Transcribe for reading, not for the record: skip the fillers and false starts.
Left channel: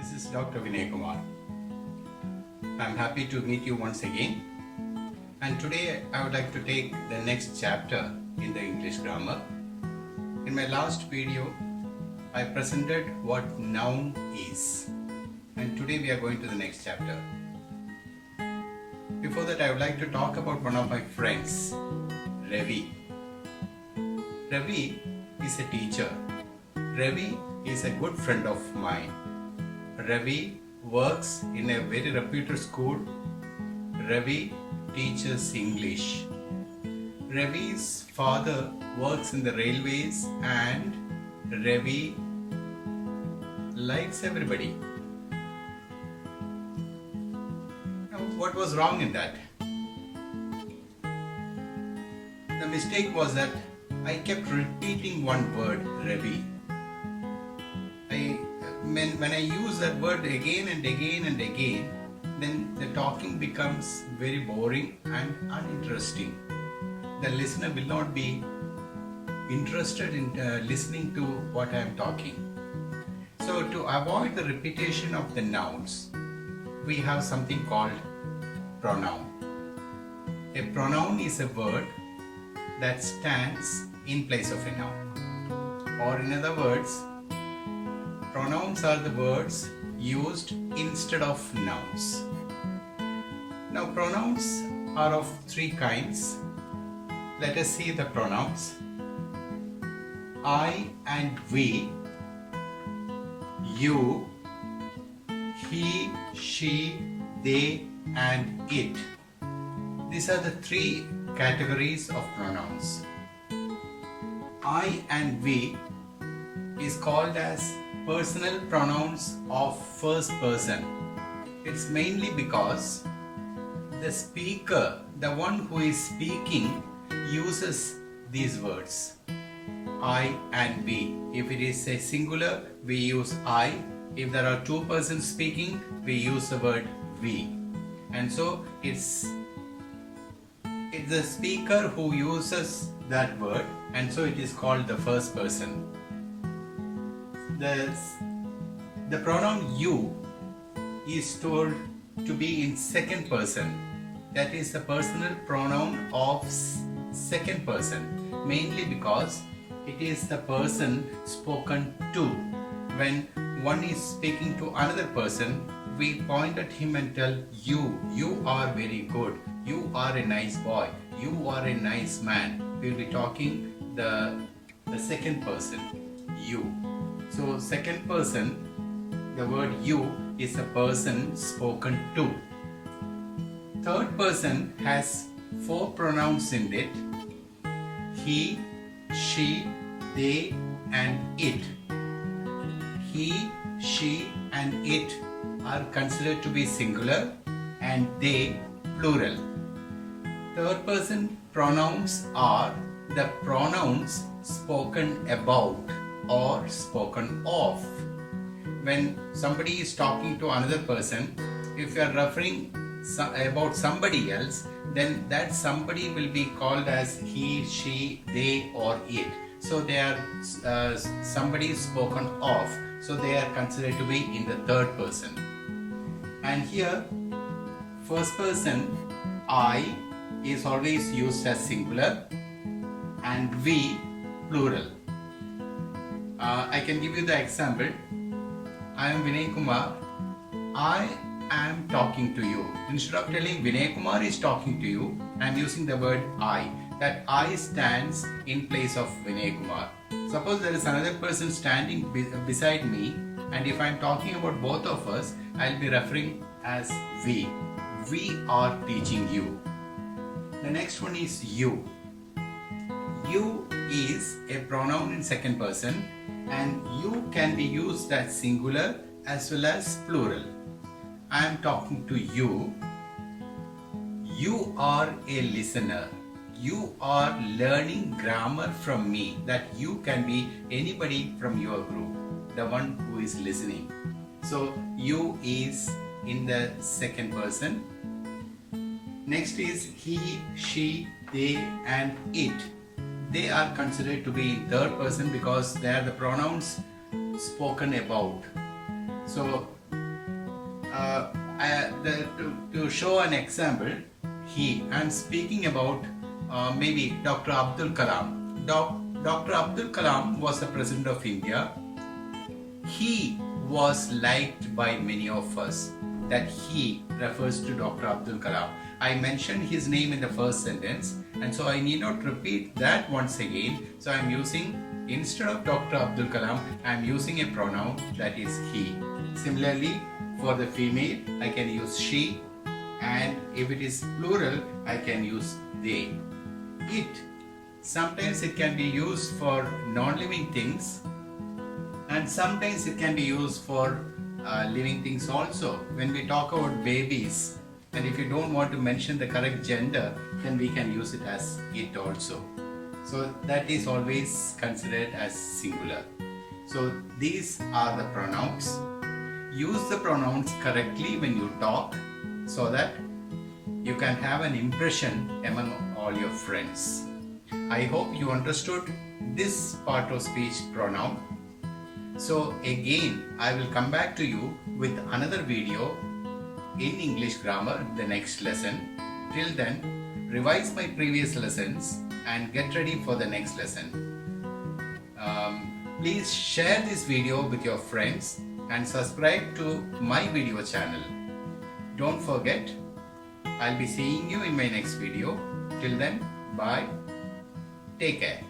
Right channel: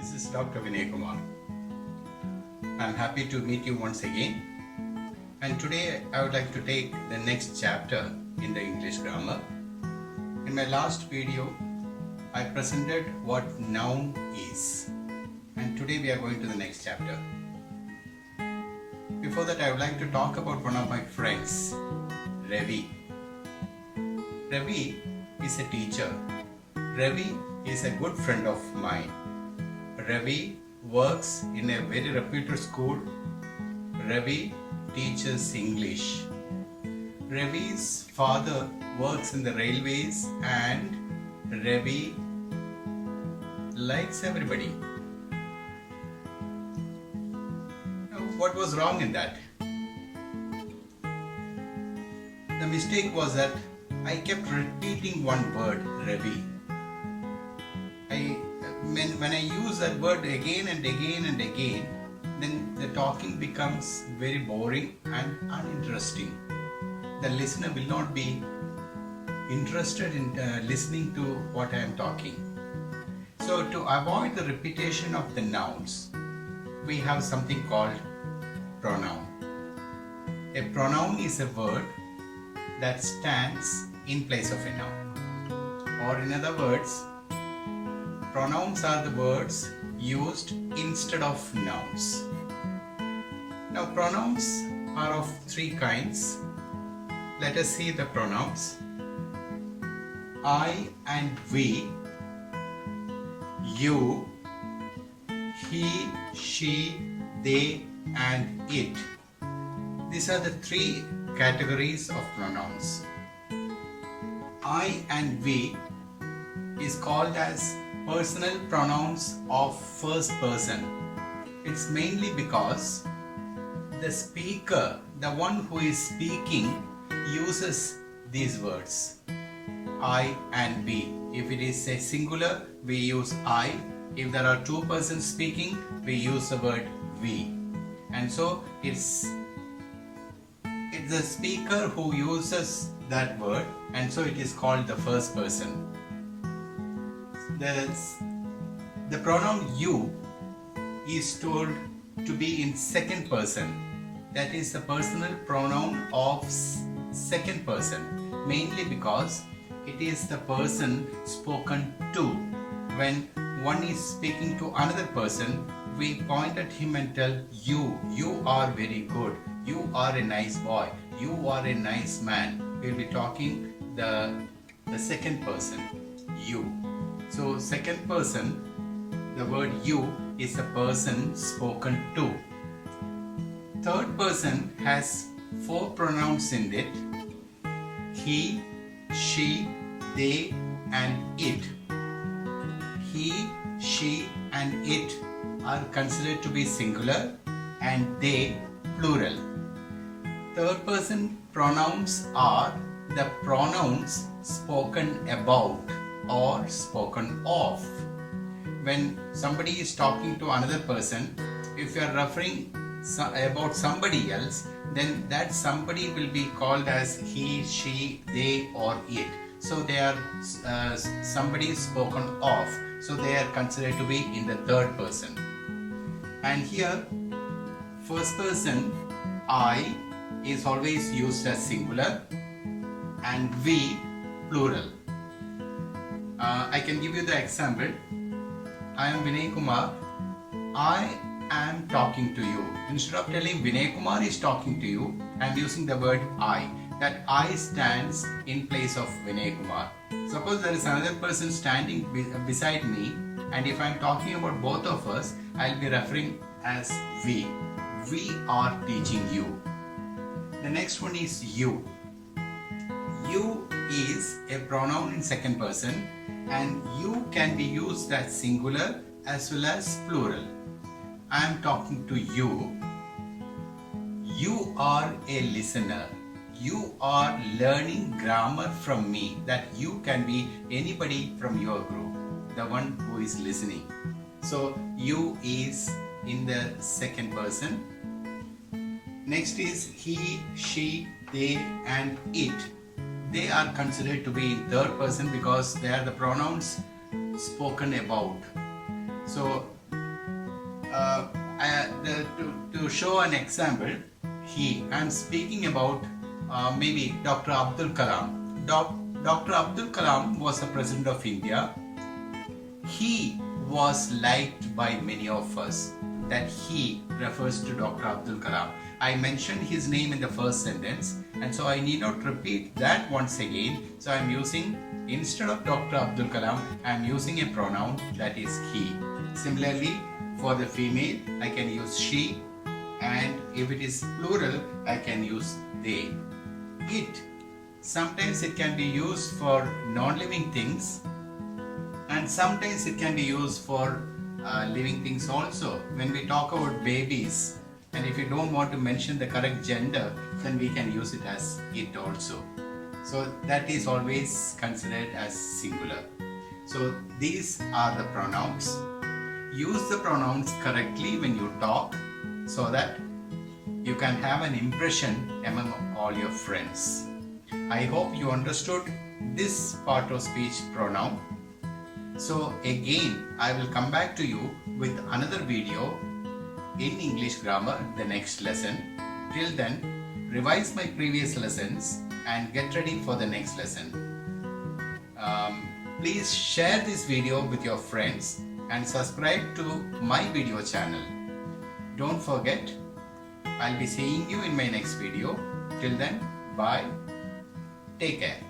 This is Dr. Vinay Kumar. I'm happy to meet you once again. And today I would like to take the next chapter in the English grammar. In my last video, I presented what noun is. And today we are going to the next chapter. Before that, I would like to talk about one of my friends, Ravi. Ravi is a teacher. Ravi is a good friend of mine. Ravi works in a very reputed school. Ravi teaches English. Ravi's father works in the railways and Ravi likes everybody. Now, what was wrong in that? The mistake was that I kept repeating one word, Ravi. When I use that word again and again and again, then the talking becomes very boring and uninteresting. The listener will not be interested in listening to what I am talking. So to avoid the repetition of the nouns, we have something called pronoun. A pronoun is a word that stands in place of a noun. Or in other words, pronouns are the words used instead of nouns. Now, pronouns are of three kinds. Let us see the pronouns. I and we, you, he, she, they, and it. These are the three categories of pronouns. I and we is called as personal pronouns of first person. It's mainly because the speaker, the one who is speaking, uses these words. I and we. If it is a singular, we use I. If there are two persons speaking, we use the word we. And so it's the speaker who uses that word, and so it is called the first person. The pronoun you is told to be in second person. That is the personal pronoun of second person, mainly because it is the person spoken to. When one is speaking to another person, we point at him and tell you are very good, you are a nice boy, you are a nice man. We will be talking the second person, you. So second person, the word you is a person spoken to. Third person has four pronouns in it. He, she, they, and it. He, she, and it are considered to be singular and they plural. Third person pronouns are the pronouns spoken about or spoken of. When somebody is talking to another person, if you are referring about somebody else, then that somebody will be called as he, she, they, or it. So they are somebody spoken of. So they are considered to be in the third person. And here, first person, I, is always used as singular and we, plural. I can give you the example. I am Vinay Kumar. I am talking to you. Instead of telling Vinay Kumar is talking to you, I am using the word I. That I stands in place of Vinay Kumar. Suppose there is another person standing beside me, and if I am talking about both of us, I will be referring as we. We are teaching you. The next one is you. You is a pronoun in second person, and you can be used as singular as well as plural. I am talking to you. You are a listener. You are learning grammar from me. That you can be anybody from your group, the one who is listening. So you is in the second person. Next is he, she, they, and it. They are considered to be in third person because they are the pronouns spoken about. So uh, to show an example, I'm speaking about maybe Dr. Abdul Kalam. Dr. Abdul Kalam was the president of India. He was liked by many of us. That he refers to Dr. Abdul Kalam. I mentioned his name in the first sentence, and so I need not repeat that once again. So I'm using, instead of Dr. Abdul Kalam, I'm using a pronoun that is he. Similarly, for the female, I can use she, and if it is plural, I can use they. It, sometimes it can be used for non-living things, and sometimes it can be used for living things also. When we talk about babies, and if you don't want to mention the correct gender, then we can use it as it also. So that is always considered as singular. So these are the pronouns. Use the pronouns correctly when you talk so that you can have an impression among all your friends. I hope you understood this part of speech pronoun. So again, I will come back to you with another video in English grammar the next lesson. Till then, revise my previous lessons and get ready for the next lesson. Please share this video with your friends and subscribe to my video channel. Don't forget, I'll be seeing you in my next video. Till then, bye. Take care.